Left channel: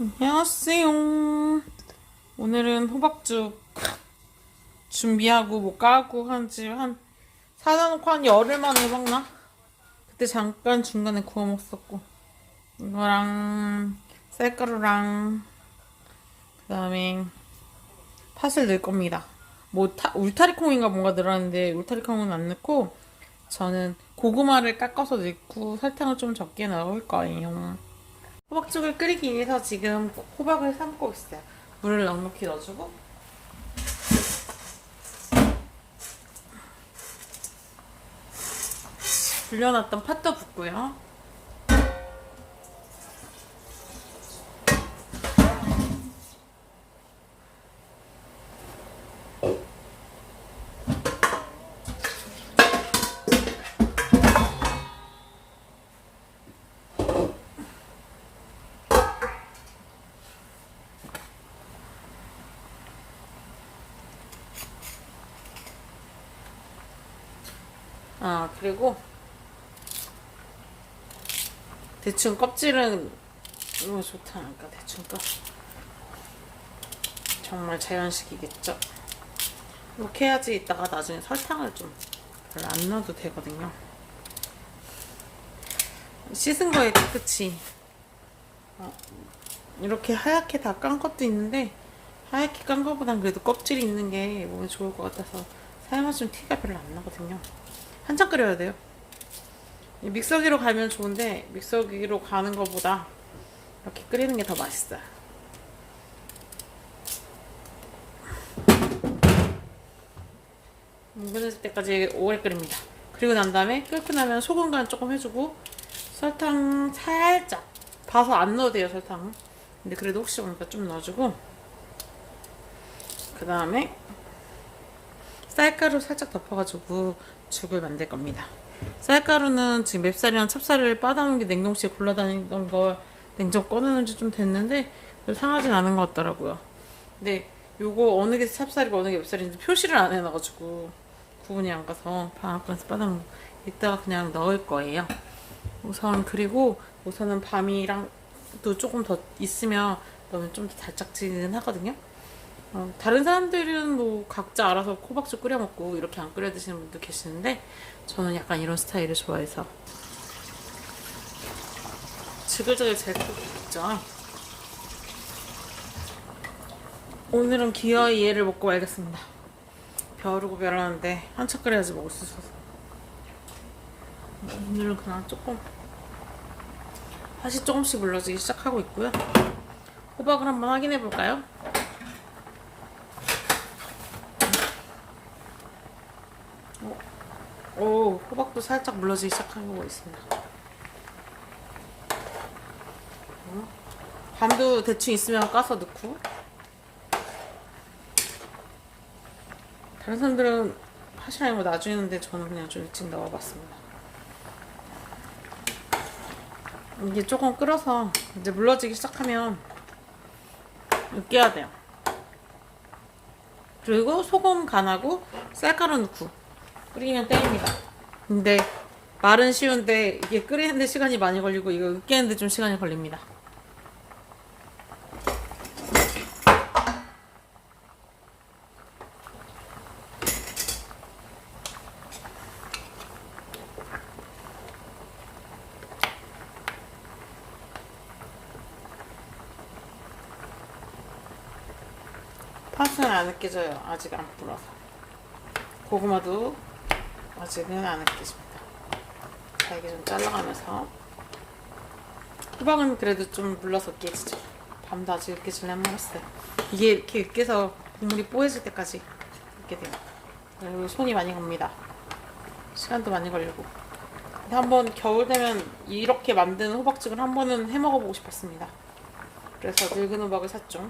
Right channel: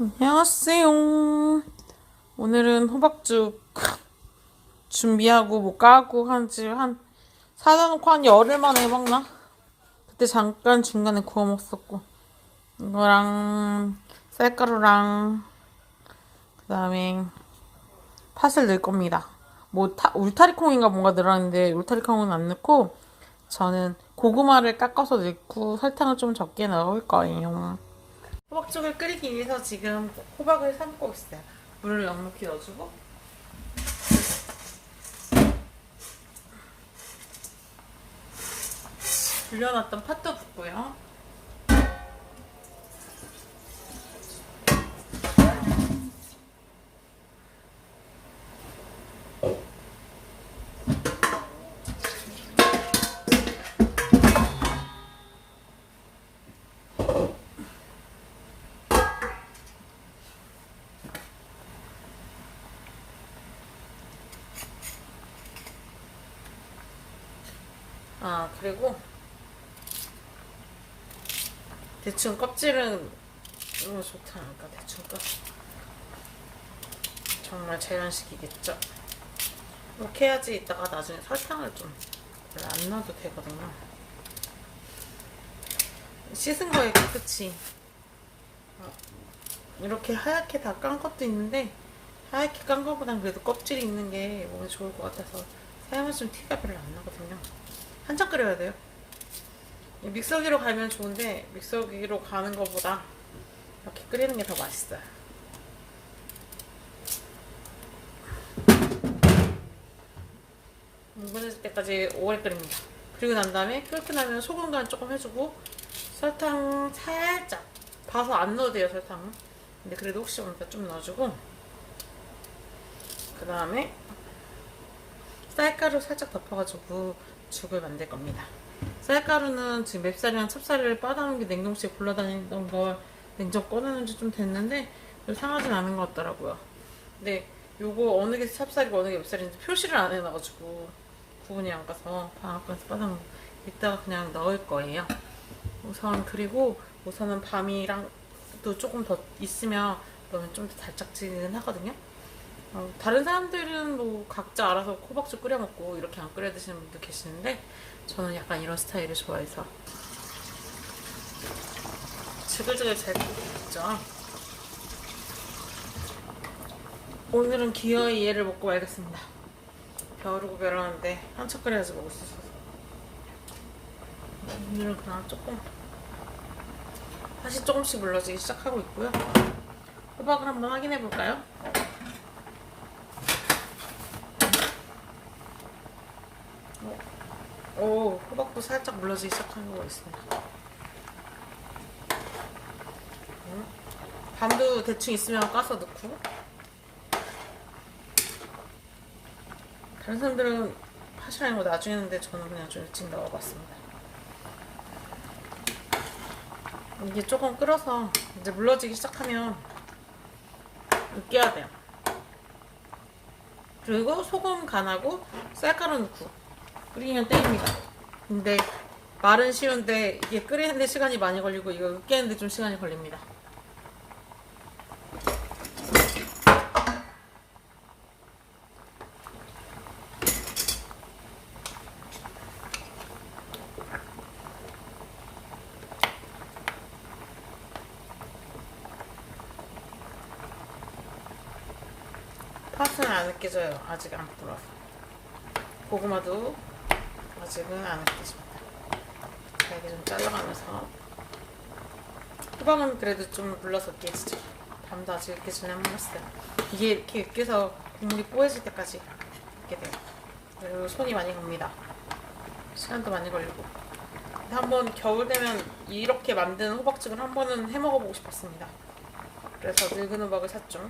안녕하세요. 오늘은 호박죽 준비하고 뭐 까고 한지 한 사다 놓고 한 열흘 만에 해먹나? 그때 잠깐 중간에 구워 먹었고 이거랑 쌀가루랑 그 다음에 팥을 넣을 겁니다. 뭐 타, 울타리콩인가 뭔가 들어갔는데 울타리콩은 안 넣고 저는 고구마를 깎아서 넣고 설탕을 좀 적게 넣을 거예요. 호박죽을 끓이기 위해서 지금 호박을 삶고 있어요. 물을 넉넉히 넣어주고 불려놨던 팥도 붓고요. 아 그리고 대충 껍질은 너무 좋다. 그러니까 대충 껍 정말 자연식이겠죠? 이렇게 해야지 이따가 나중에 설탕을 좀 별로 안 넣어도 되거든요. 씻은 거에 깨끗이 어, 이렇게 하얗게 다 깐 것도 있는데 하얗게 깐 것보단 그래도 껍질이 있는 게 몸에 좋을 것 같아서 사용하시면 티가 별로 안 나거든요 한참 끓여야 돼요. 이 믹서기로 가면 좋은데 믹서기로 가는 것보다 이렇게 끓이는 게 더 맛있어요. 뭉근해질 때까지 오래 끓입니다. 그리고 난 다음에 끓고 나면 소금 간 조금 해주고 설탕 살짝 봐서 안 넣어도 돼요 설탕은. 근데 그래도 혹시 모르니까 좀 넣어주고 그 다음에 쌀가루 살짝 덮어가지고 죽을 만들 겁니다. 쌀가루는 지금 맵쌀이랑 찹쌀을 빠다는 게 냉동실에 굴러다니던 거 냉장 꺼내는 지좀 됐는데 별 상하진 않은 것 같더라고요. 근데 요거 어느 게 찹쌀이고 어느 게 맵쌀인지 표시를 안 해놔가지고 구분이 안 가서 방앗간에서 빠다는 이따가 그냥 넣을 거예요. 우선 그리고 우선은 밤이랑 또 조금 더 있으면 넣으면 좀 더 달짝지근하거든요. 어, 다른 사람들은 뭐 각자 알아서 호박죽 끓여 먹고 이렇게 안 끓여 드시는 분도 계시는데 저는 약간 이런 스타일을 좋아해서 지글지글 잘 끓였죠. 오늘은 기어이 얘를 먹고 말겠습니다. 벼르고 벼르는데 한참 끓여야지 먹을 수 있어서 오늘은 그냥 조금 다시 조금씩 물러지기 시작하고 있고요. 호박을 한번 확인해 볼까요? 오, 호박도 살짝 물러지기 시작한 거 있습니다. 음, 밤도 대충 있으면 까서 넣고. 다른 사람들은 하시는 거 나중에 했는데 저는 그냥 좀 일찍 넣어봤습니다. 이게 조금 끓어서 이제 물러지기 시작하면 으깨야 돼요. 그리고 소금 간하고 쌀가루 넣고 끓이면 땡입니다. 근데 말은 쉬운데 이게 끓이는데 시간이 많이 걸리고 이거 으깨는데 좀 시간이 걸립니다. 팥은 안 으깨져요. 아직 안 불어서. 고구마도 아직은 안 으깨집니다. 잘게 좀 잘라가면서 호박은 그래도 좀 물러서 으깨지죠. 밤도 아직 으깨지려면 했어요. 이게 이렇게 으깨서 국물이 뽀해질 때까지 으깨 돼요. 그리고 손이 많이 갑니다. 시간도 많이 걸리고. 한번 겨울 되면 이렇게 만든 호박죽을 한 번은 해 먹어보고 싶었습니다. 그래서 늙은 호박을 샀죠.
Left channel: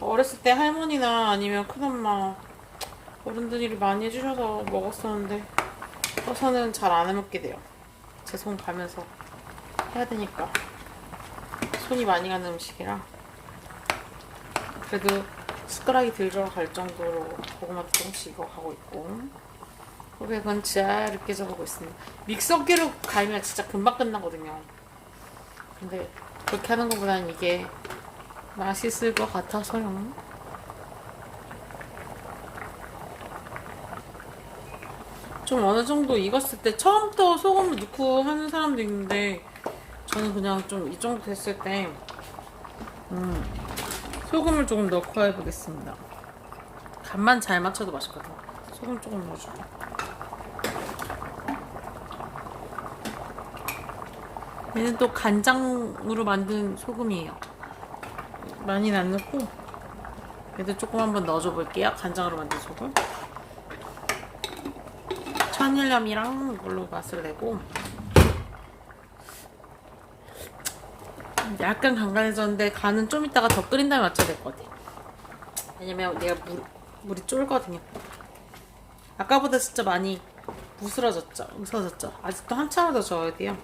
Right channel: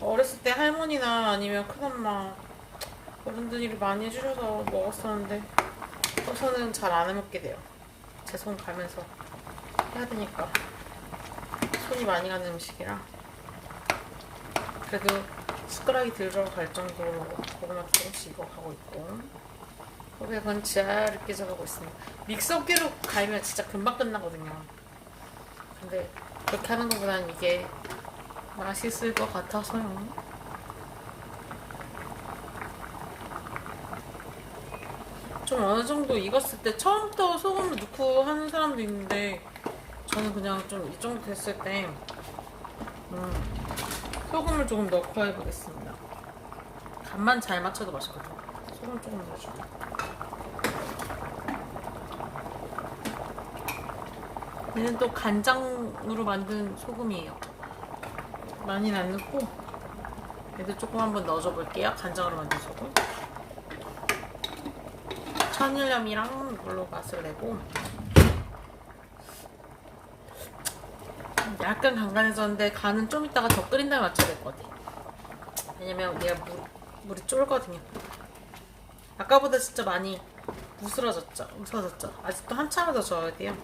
어렸을 때 할머니나 아니면 큰엄마 어른들이 많이 해주셔서 먹었었는데 저는 잘 안 해먹게 돼요. 제 손 가면서 해야 되니까 손이 많이 가는 음식이라 그래도 숟가락이 들어갈 정도로 고구마 조금씩 하고 있고 호백은 잘 으깨져 가고 있습니다. 믹서기로 갈면 진짜 금방 끝나거든요. 근데 그렇게 하는 것보다는 이게 맛있을 것 같아서요. 좀 어느 정도 익었을 때 처음부터 소금을 넣고 하는 사람도 있는데 저는 그냥 좀 이 정도 됐을 때 음, 소금을 조금 넣고 해보겠습니다. 간만 잘 맞춰도 맛있거든. 소금 조금 넣어주고. 얘는 또 간장으로 만든 소금이에요. 많이는 안 넣고 얘도 조금 한번 넣어줘 볼게요. 간장으로 만든 소금. 천일염이랑 이걸로 맛을 내고 약간 간간해졌는데 간은 좀 이따가 더 끓인 다음에 맞춰야 될 것 같아. 왜냐면 얘가 물, 물이 쫄거든요. 아까보다 진짜 많이 무스러졌죠? 무스러졌죠? 아직도 한참을 더 저어야 돼요.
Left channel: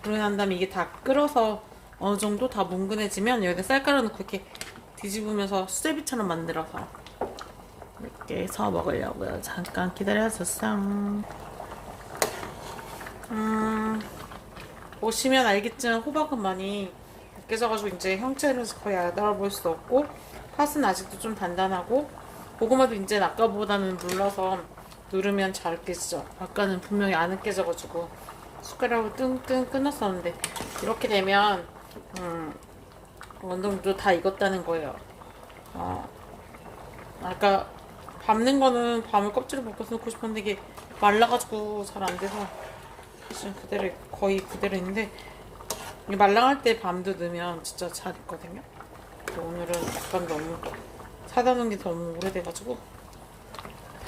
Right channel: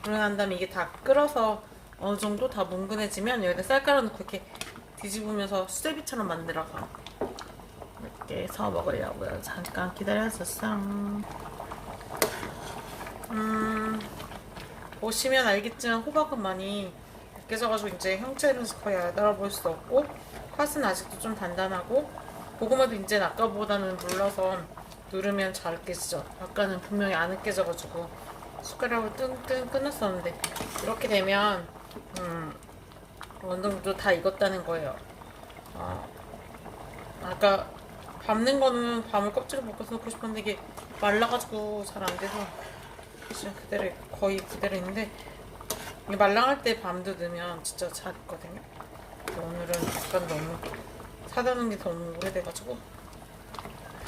그러고 난 다음에 이게 다 끓어서 어느 정도 다 뭉근해지면 여기다 쌀가루 넣고 이렇게 뒤집으면서 수제비처럼 만들어서 해서 먹으려고요. 잠깐 기다려줬어. 음, 보시면 알겠지만 호박은 많이 으깨져가지고 이제 형체는 거의 알아볼 수 없고 팥은 아직도 좀 단단하고 고구마도 이제 아까보다는 물러서 누르면 잘 으깨지죠. 아까는 분명히 안 으깨져가지고 숟가락으로 뜬뜬 끊었었는데 이렇게 되면 음, 정도 다 익었다는 거예요. 어, 아까 밟는 거는 밤을 껍질을 벗겨서 넣고 싶었는데 이게 말라가지고 잘 안 돼서 지금 그대로 거의 그대로 있는데 이게 말랑할 때 밤도 넣으면 진짜 잘 익거든요. 근데 오늘은 약간 너무 사다 놓은 게 너무 오래돼가지고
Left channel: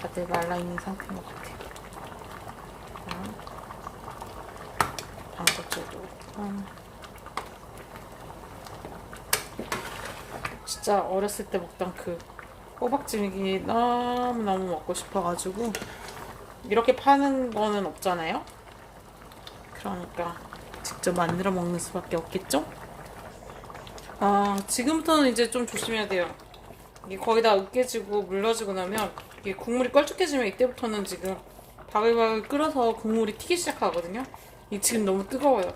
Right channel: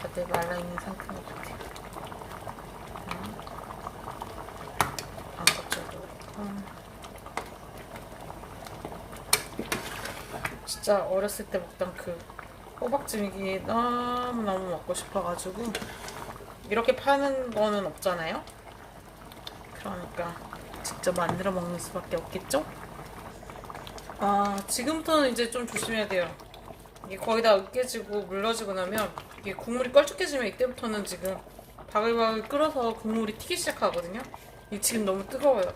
다들 말라 있는 상태인 것 같아요. 반껍질도 그렇고 진짜 어렸을 때 먹던 그 호박찜이 너무너무 먹고 싶어가지고 이렇게 파는 거는 없잖아요. 그러니까 직접 만들어 먹는 수밖에 없겠죠? 아, 지금부터는 이제 좀 조심해야 돼요. 이게 거의 다 으깨지고 물러지고 나면 이게 국물이 껄쭉해지면 이때부터는 지금 바글바글 끓어서 국물이 튀기 시작하거든요. 이게 지금 너무 뜨거워요.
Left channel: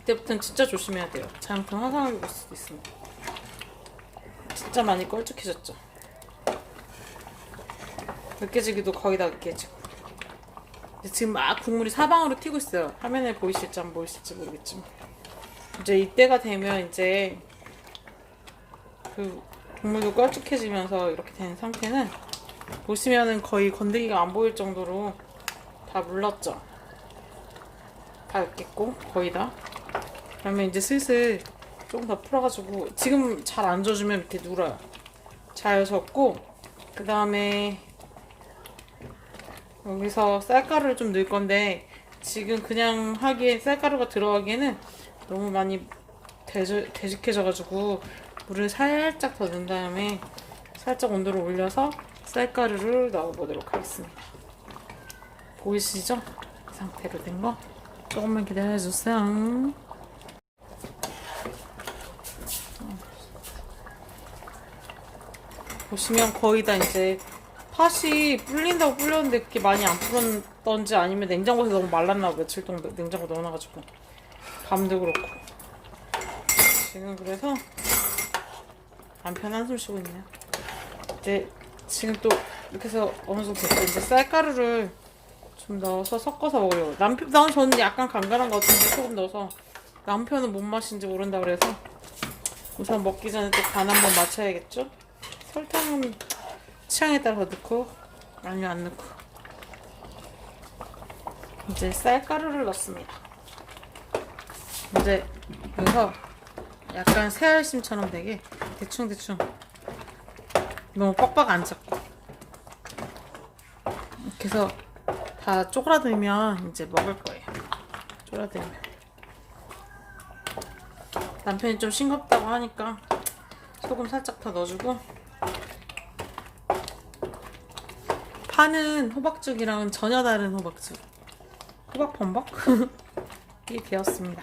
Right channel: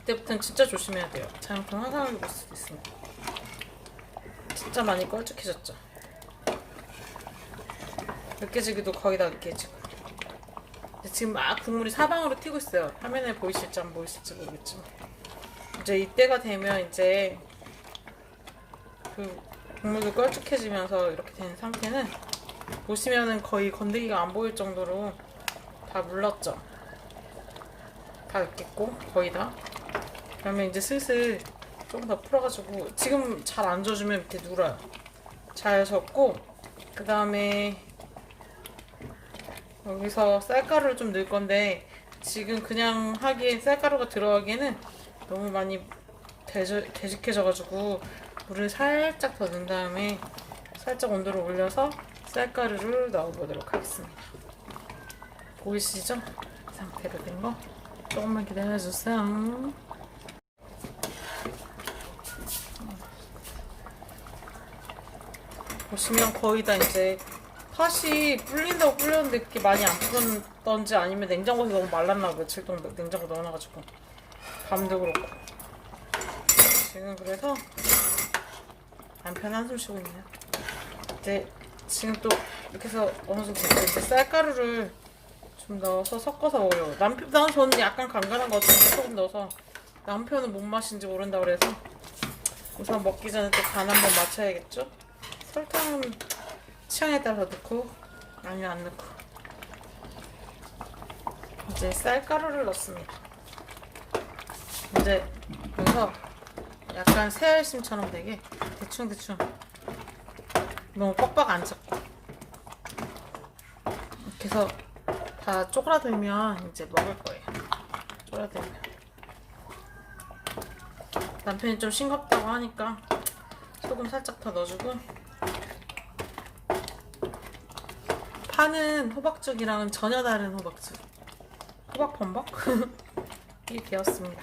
이때부터는 진짜 조심해야 돼요. 잘못하면 화상을 입을 수도 있습니다. 진짜 많이 껄쭉해졌죠. 으깨지기도 거의 다 으깨지고. 지금 막 국물이 사방으로 튀고 있어요. 화면에 보이실지 안 보이실지 모르겠지만. 이제 이때가 되면 이제 그 국물도 껄쭉해지면서 이렇게 된 상태는 보시면은 거의 건더기가 안 보일 정도로 다 물렀죠. 다 으깼고 거의 다. 그러면 이제 슬슬 조금 더 풀어가지고 지금 잘안 져주면 이렇게 눌어요. 잘 젓고 그 다음에 여기서 쌀가루를 좀 넣을 건데 지금 그냥 하기에 쌀가루가 들어가기에는 너무 많이 되져, 되직해져가지고 물을 살짝 더 넣은 다음에 살짝 온도를 올려서 쌀가루를 넣어보도록 하겠습니다. 보이시죠? 이 상태로 된 거. 조금만 기다려주세요. 보시면 거의 다 이제 팥이 불린다고 불렸는데 그렇게 많이 안 불었던지 아니면 냉장고에서 너무 말랐나 봐 며칠 동안 냉장고 넣어놔가지고 밤도 그렇고. 지금 그래서 남편 한숨 쉬고 있네요. 이제 지금 또 이렇게 해서 어느 정도 됐고 이제 쌀가루를 좀 넣어서 섞어서 먹으려고. 남편 난 저는 약간 간간한 거 같은데 조금 넣어서 남편은 뭔 맛인지 모른다 그래서 우선 먹기 전에 또 간 한번 맞춰야겠죠 설탕은 취향에 따라서 넣고 아니면 안 넣고. 이제 쌀가루를 넣습니다. 이제 여기서 약간 새알심처럼 되게 대충대충 너무 뻑뻑 안 잡고. 이렇게 해서 다 쪼그라들면 이제 먹을 거예요. 쪼그라들면. 남편이 좀 싱겁다고 하니까 소금 살짝 더 넣어주고 파는 호박죽이랑은 전혀 다른 호박죽. 호박 범벅? 이게 되었습니다.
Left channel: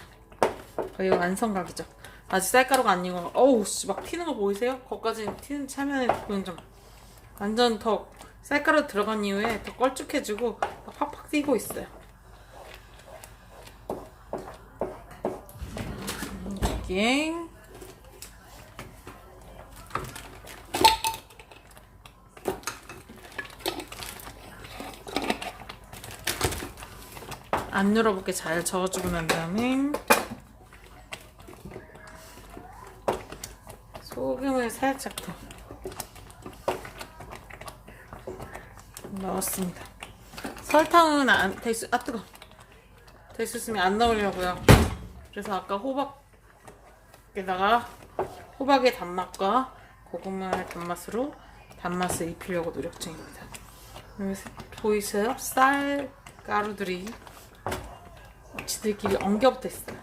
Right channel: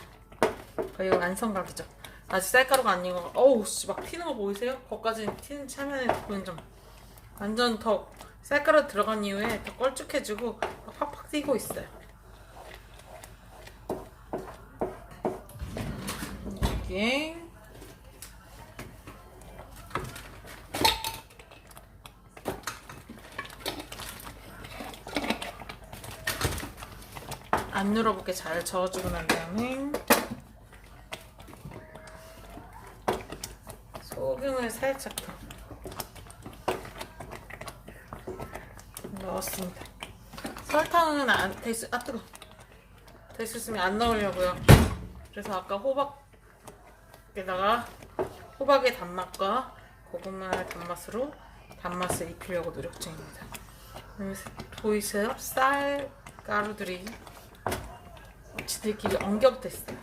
거의 완성각이죠. 아직 쌀가루가 안 익어. 어우 씨, 막 튀는 거 보이세요? 거기까지 튀는 차면에 보이는 점. 완전 더 쌀가루 들어간 이후에 더 껄쭉해지고 팍팍 튀고 있어요. 여기 안 눌어붙게 잘 저어주고 난 다음에 소금을 살짝 더 넣었습니다. 설탕은 안, 될수, 아, 뜨거. 될수 있으면 안 넣으려고요. 그래서 아까 호박에다가 호박의 단맛과 고구마의 단맛으로 단맛을 입히려고 노력 중입니다. 보이세요? 쌀 가루들이 지들끼리 엉겨붙어 있어요.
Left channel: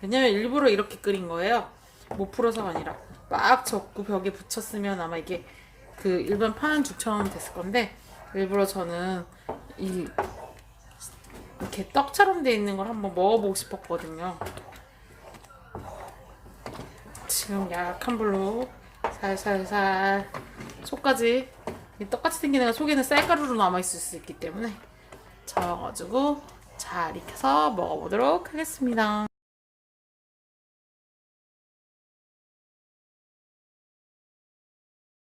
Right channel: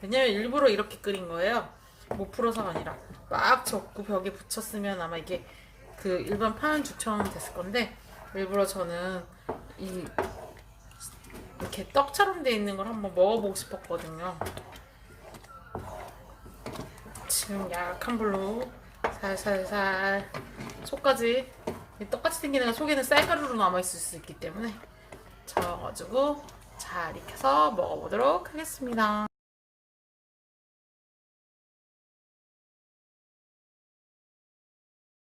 왜냐면 일부러 이렇게 끓인 거예요. 못 풀어서가 아니라 막 젓고 벽에 붙였으면 아마 이게 그 일반 파는 죽처럼 됐을 건데 일부러 저는 이 이렇게 떡처럼 돼 있는 걸 한번 먹어보고 싶었거든요. 지금 약한 불로 살살살 속까지 이 떡같이 생긴 애가 속에는 쌀가루로 남아있을 수 있기 때문에 저어가지고 잘 익혀서 먹어보도록 하겠습니다.